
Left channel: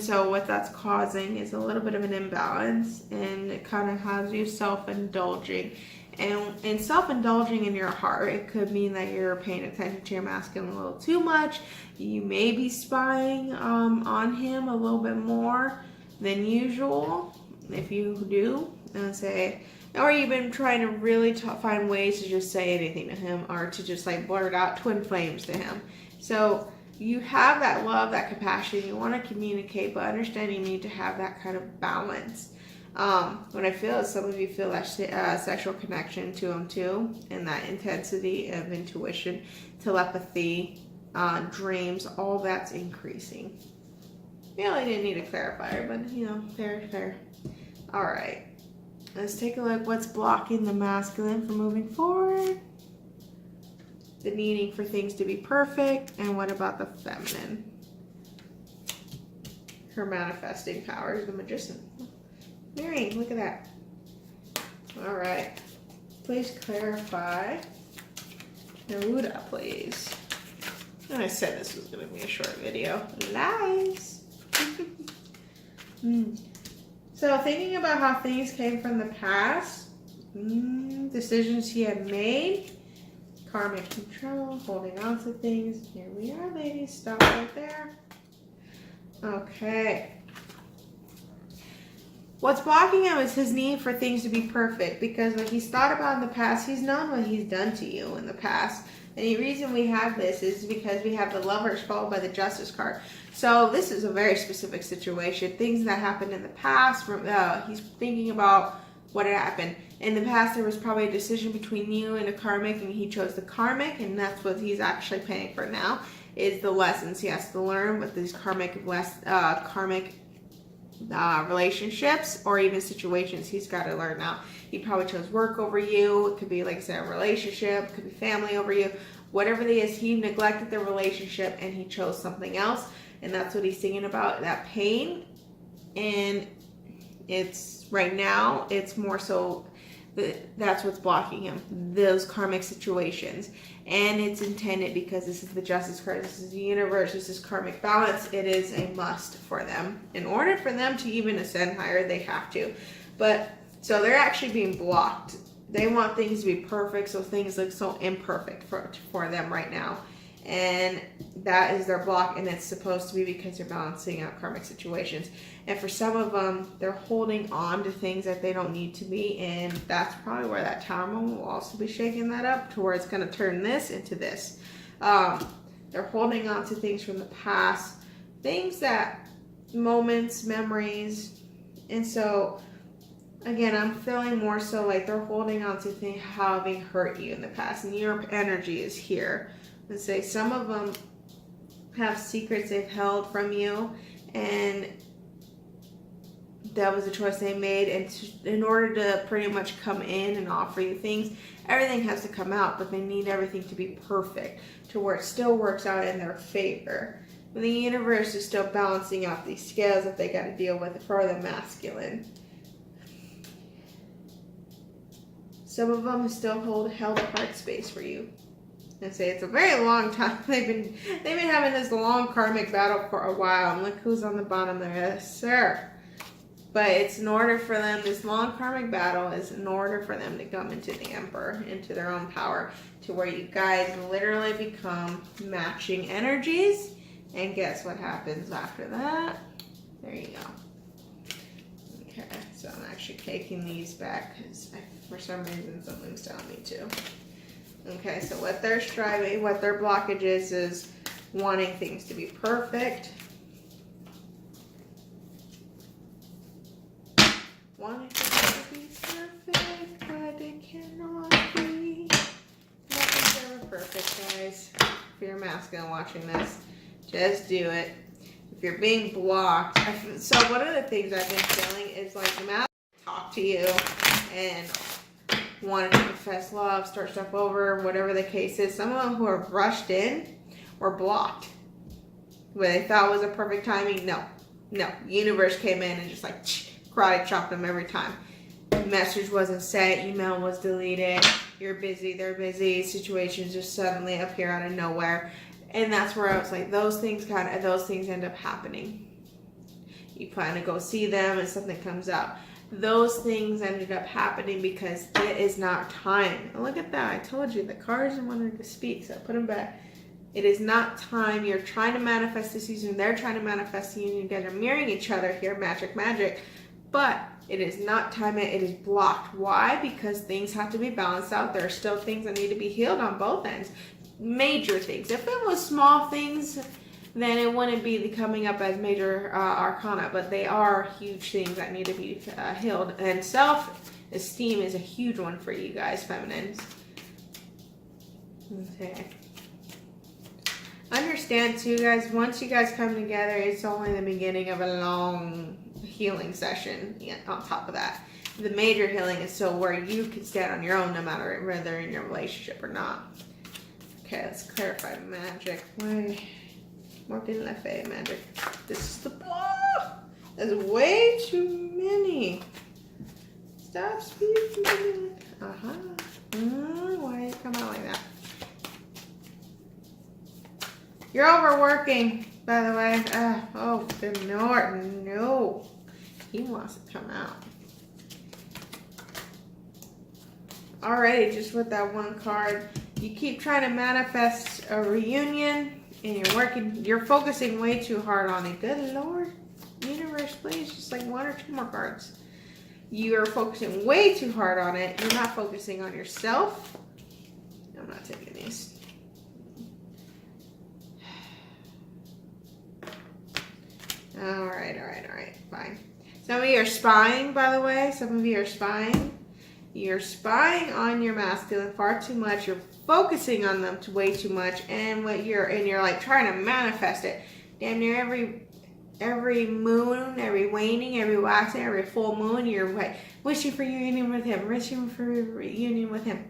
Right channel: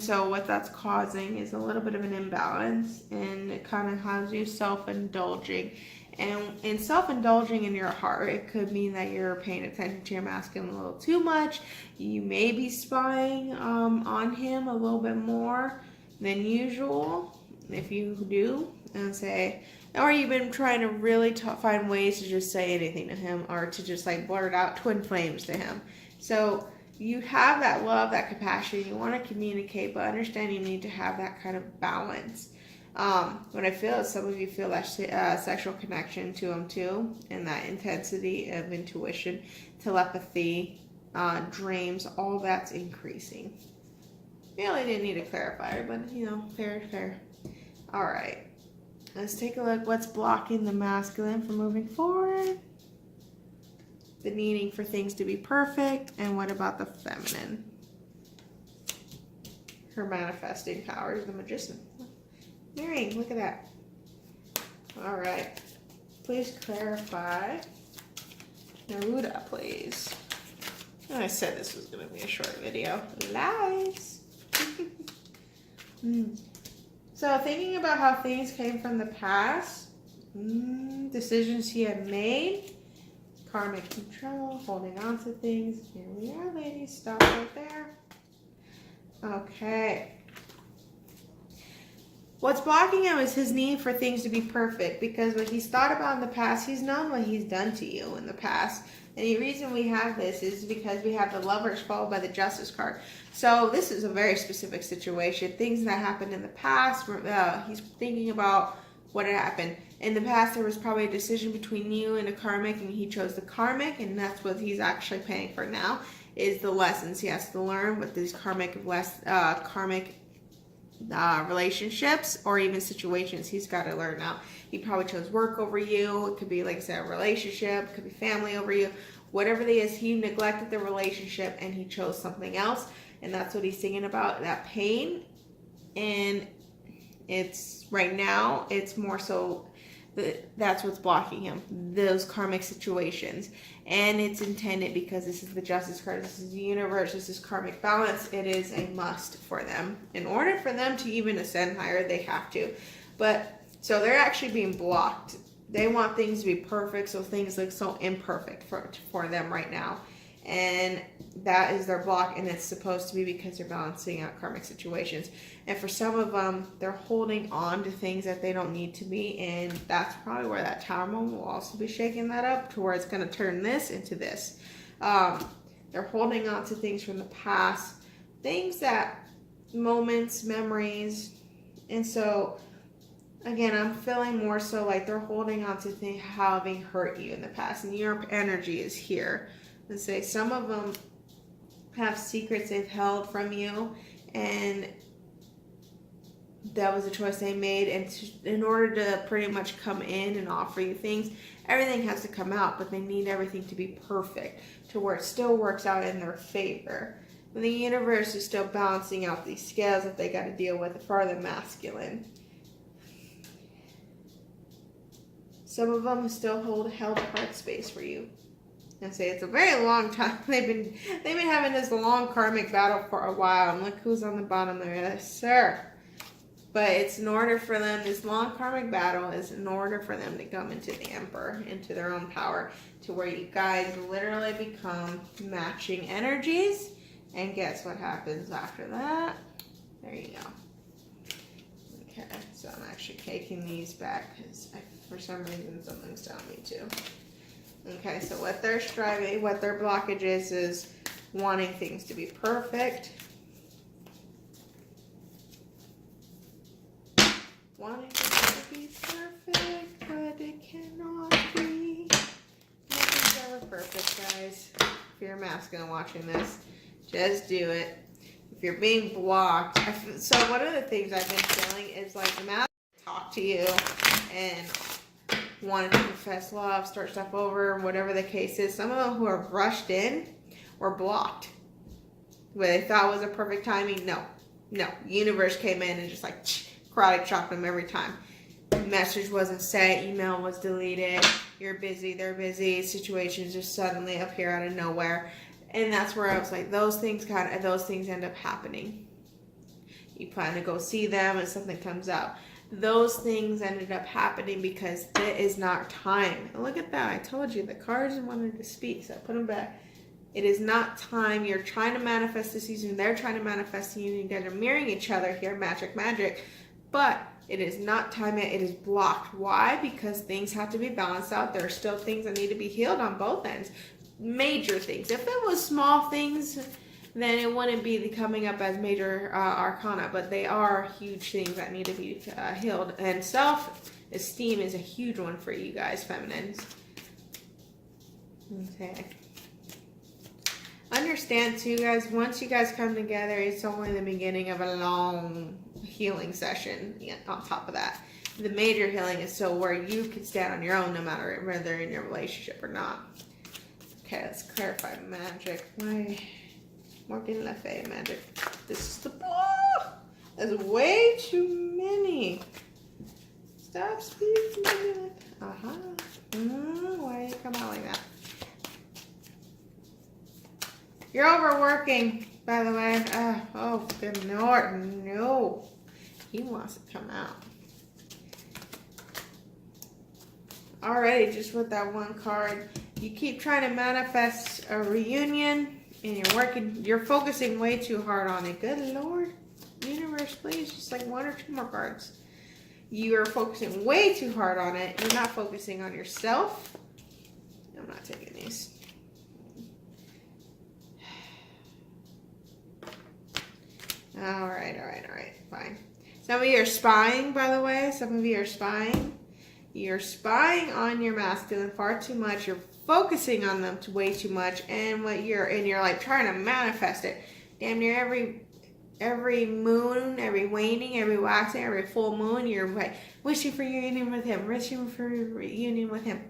so what that's causing is a little bit of an imbalance, and it kind of has you self-indulging. And in self-indulging in your heart, it could mean that you're paying attention to your masculine a little too much. You may be spying on him a little bit more than usual, if you do, and say, or you've been trying to really find ways to just say anything to him, or to just like blurt out twin flames to him. So you have that love, that compassion, you want to communicate, but understand you need to have that kind of balance. What I feel is some of you feel that sexual connection to him too, and that intensity of intuition, telepathy, dreams, all that's increasing. I didn't need a clarifier, but fair. All right, let's take a look. What's blocking the masculine from moving forward? The needing for things to be perfect, and what about the feminine? Her manifesting power is the magician. Marrying, look at that. All right, please clarify. Neruda, please. I said this was going to be a short video. Lies. So thinking about how things came from the past, decisions he had made, Karmic control, holding on to things. Here we are, ladies. Stop right there. Okay. What's blocking him is his need for things to be perfect, because what he's thought about in the past, he's known what he's done to you in the past. And the reason we have this is because we have the Lovers followed by the Justice card. So this is a very specific situation. Things that happened in the past, he's thinking about what had happened. In the past, there was probably a decision between you and a karmic, and he chose the karmic, and that's what he's actually paying for now, is the lessons he has to learn with these karmic relationships or even situations he's got to learn now. He probably chose work over you. It could be, like I said, a relationship. It could be family over you. Whatever it is, he neglected the relationship and he chose something else. And that's what he's thinking about, that pain. And it's right now, it's more so that's what's blocking him, those karmic situations. And it's intended because this is the Justice card, this is the universe, this is karmic balance. It is a must for them. In order for them to even ascend higher, they have to. But so they're actually being blocked. They want things to be perfect, so things look so imperfect for them right now. And that is their block, and it's supposed to be because they're balancing out karmic situations. And for some of them, they're holding on to things that they don't need to be, and that's probably where that Tower moment will also be shaking that up, to where it's going to turn this into this. They're holding on to things from the past, things that, moments, memories, and so, again, I'm feeling more so like they're holding on to things having hurt you in the past, and your energy is here. And say some of them have secrets they've held from you, and that was a choice they made. And in order to pretty much come in and offer you things, everything has to come out, but they need everything to be perfect to where it still works out in their favor. And the universe is still balancing out these scales that they got to deal with for the masculine. Some of them still held a heart space for you. And say it's a very long time. They've been having this long karmic battle for a while, and look who's on the bottom there. Yes, sir. But it's in order for them, this long karmic battle is in order for them to come into the Emperor, into their own power, to where you guys literally become matching energies. And guess what happens after that? There you go. Okay, so I'm actually taking these back because for some reason something's telling me to. Okay, so what they're striving, what their blockage is wanting things to be perfect. Wanting things to be perfect, but it cannot be. Nothing's ever perfect, guys. If you're masculine watching this, just do it. If you're being blocked, so one of the things I've been feeling is like the mask talk to you and wanted to confess love, start stuff over, whatever the case is. Some of them who are rushed in or blocked, where they thought was a perfect timing. No. Universe came in and just like karate chopped them every time. Message wasn't sent, email was deleted. You're busy, they're busy. Situations just suddenly appear out of nowhere, and that's where I was like, those things end up happening. You plan to go see them, and something comes out. Those things ended up happening because it is not time. And look at that. I told you the cards wanted to speak, so I put them back. It is not time. You're trying to manifest this season. They're trying to manifest the union. You guys are mirroring each other here. Magic. But it is not time yet. It is blocked. Why? Because things have to be balanced out. There are still things that need to be healed on both ends. Major things. If it was small things, then it wouldn't be coming up as major arcana, but they are huge things that need to be healed. And self-esteem is a huge one for you guys, feminines. Okay. Understand too, guys, once you guys come together, it's only the beginning of a long healing session. Yeah, on top of that, the major healing is so where you can stand on your own no matter whether in your relationship or not. Okay, let's clarify magic. Morgan Le Fay magic. This is the block. There's way too many. Stop speaking. Why you come out like that? You're overworking, by the way. Oh, good Lord, no. He wants to come out. already just with that one card. You keep trying to manifest a reunion and you're focusing way too hard on it. Good Lord. Universe, please, just like 1 or 2 more cards. You are focusing way too hard on it. You're not focusing on yourself. I'm not taking these. All right, fine. Some of you are spying, by the way. Some of you are spying. You're spying on your masculine far too much. You're focusing on them way too much, and you're like trying to manifest it. Damn near every moon, every waning, every waxing, every full moon, you're like wishing for union with him, wishing for reunion with him,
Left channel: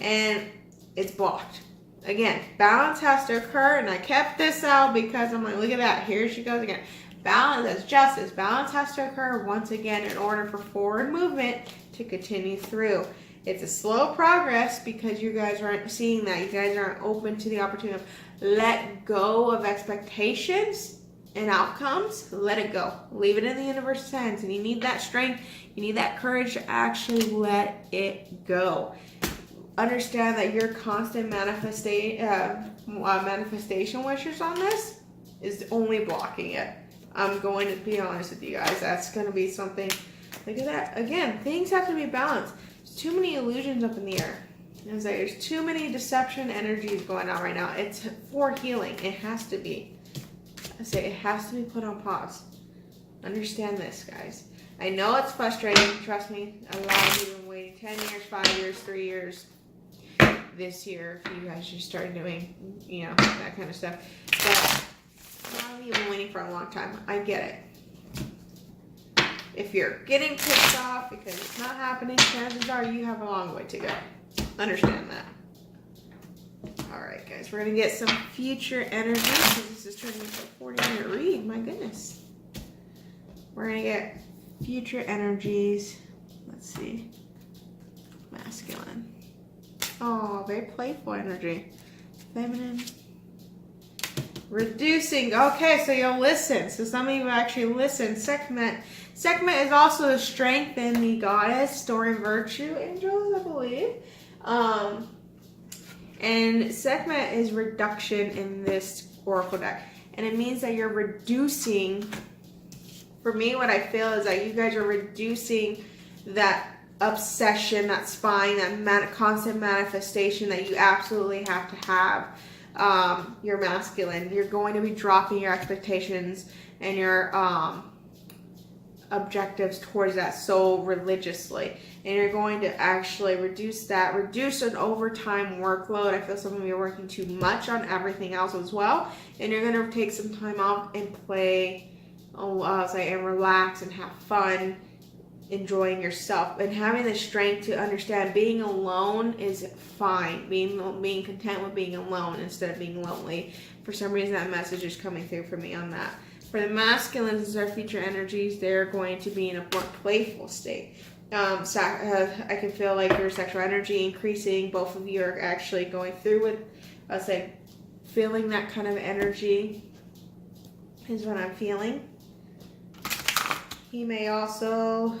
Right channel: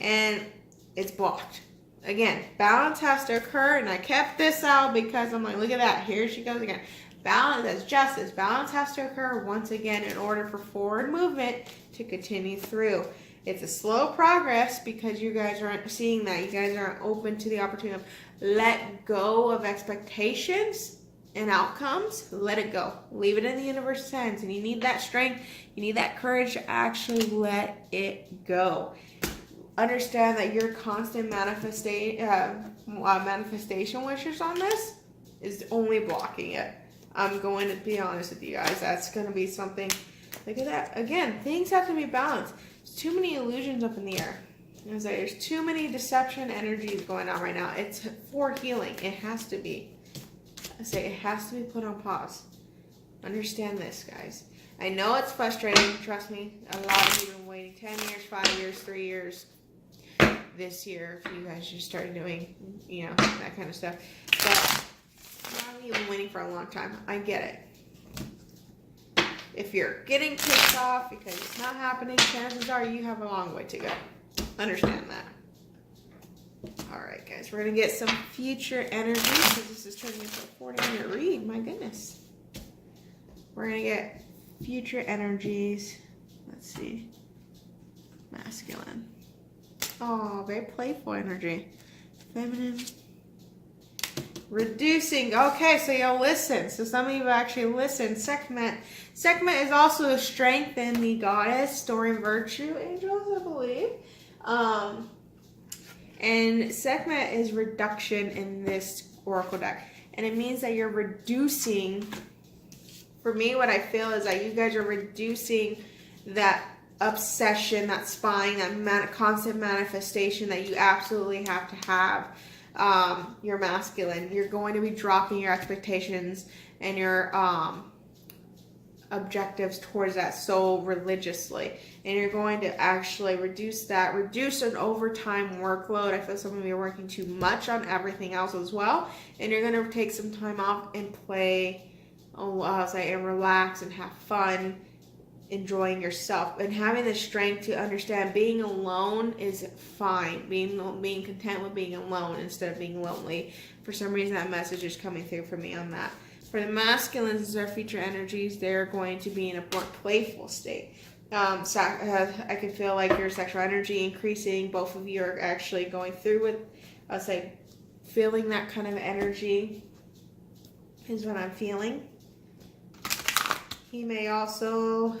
and it's blocked. Again, balance has to occur, and I kept this out because I'm like, look at that, here she goes again. Balance, that's justice. Balance has to occur once again in order for forward movement to continue through. It's a slow progress because you guys aren't seeing that. You guys aren't open to the opportunity of let go of expectations and outcomes. Let it go. Leave it in the universe's hands. And you need that strength. You need that courage to actually let it go. Understand that your constant manifestation wishes on this is only blocking it. I'm going to be honest with you guys. That's going to be something. Look at that. Again, things have to be balanced. There's too many illusions up in the air. There's too many deception energies going on right now. It's for healing. It has to be. It has to be put on pause. Understand this, guys. I know it's frustrating. Trust me. A lot of you have been waiting 10 years, 5 years, 3 years. This year, if you guys just started doing, that kind of stuff. But you've been waiting for a long time. I get it. If you're getting pissed off because it's not happening, chances are you have a long way to go. Understand that. Alright, guys. We're going to get some future energy because this is turning into a 40-minute read. My goodness. We're going to get future energies. Let's see. Masculine. Oh, very playful energy. Feminine. Reducing. Okay, so you'll listen. So some of you actually listen. Sekhmet. Sekhmet is also the strength in the goddess, storing virtue angels, I believe. And Sekhmet is reduction in this oracle deck. And it means that you're reducing. For me, what I feel is that you guys are reducing that obsession, that spying, that constant manifestation that you absolutely have to have. You're masculine. You're going to be dropping your expectations and your objectives towards that so religiously, and you're going to actually reduce an overtime workload. I feel some of you are working too much on everything else as well, and you're going to take some time off and play, and relax and have fun, enjoying yourself and having the strength to understand being alone is fine. Being content with being alone instead of being lonely. For some reason, that message is coming through for me on that. For the masculines, their future energies, they're going to be in a more playful state. I can feel like your sexual energy increasing. Both of you are actually going through with, feeling that kind of energy is what I'm feeling. He may also,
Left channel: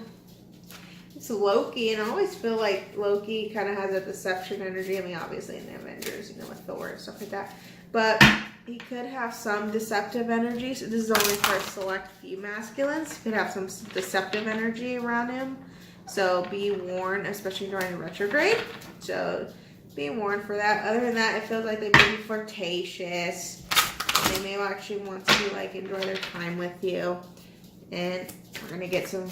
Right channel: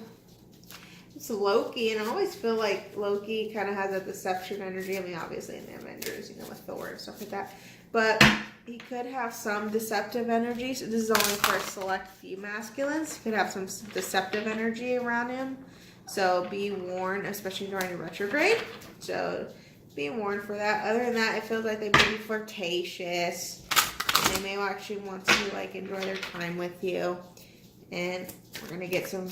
it's Loki, and I always feel like Loki kind of has a deception energy. I mean, obviously in the Avengers, with Thor and stuff like that. But he could have some deceptive energy. So this is only for a select few masculines. He could have some deceptive energy around him. So be warned, especially during retrograde. So be warned for that. Other than that, it feels like they may be flirtatious. And they may actually want to enjoy their time with you. And we're going to get some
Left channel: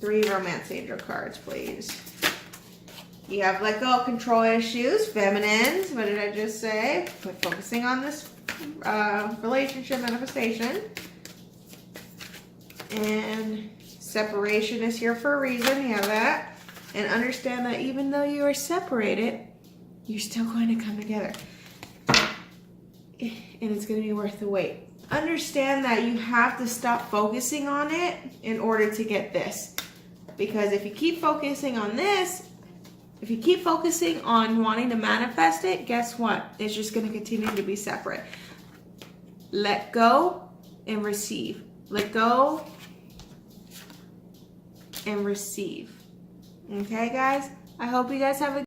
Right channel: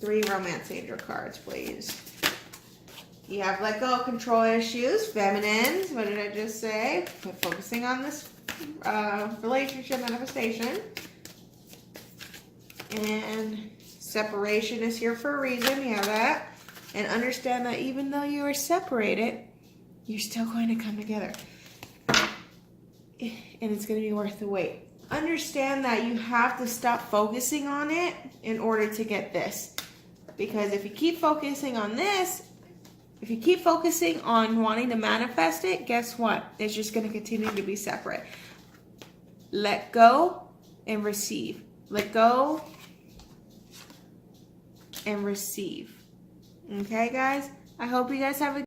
3 romance angel cards, please. You have let go of control issues, feminines. What did I just say? Quit focusing on this relationship manifestation. And separation is here for a reason. You have that. And understand that even though you are separated, you're still going to come together. And it's going to be worth the wait. Understand that you have to stop focusing on it in order to get this. Because if you keep focusing on this, if you keep focusing on wanting to manifest it, guess what? It's just going to continue to be separate. Let go and receive. Let go and receive. Okay, guys? I hope you guys have a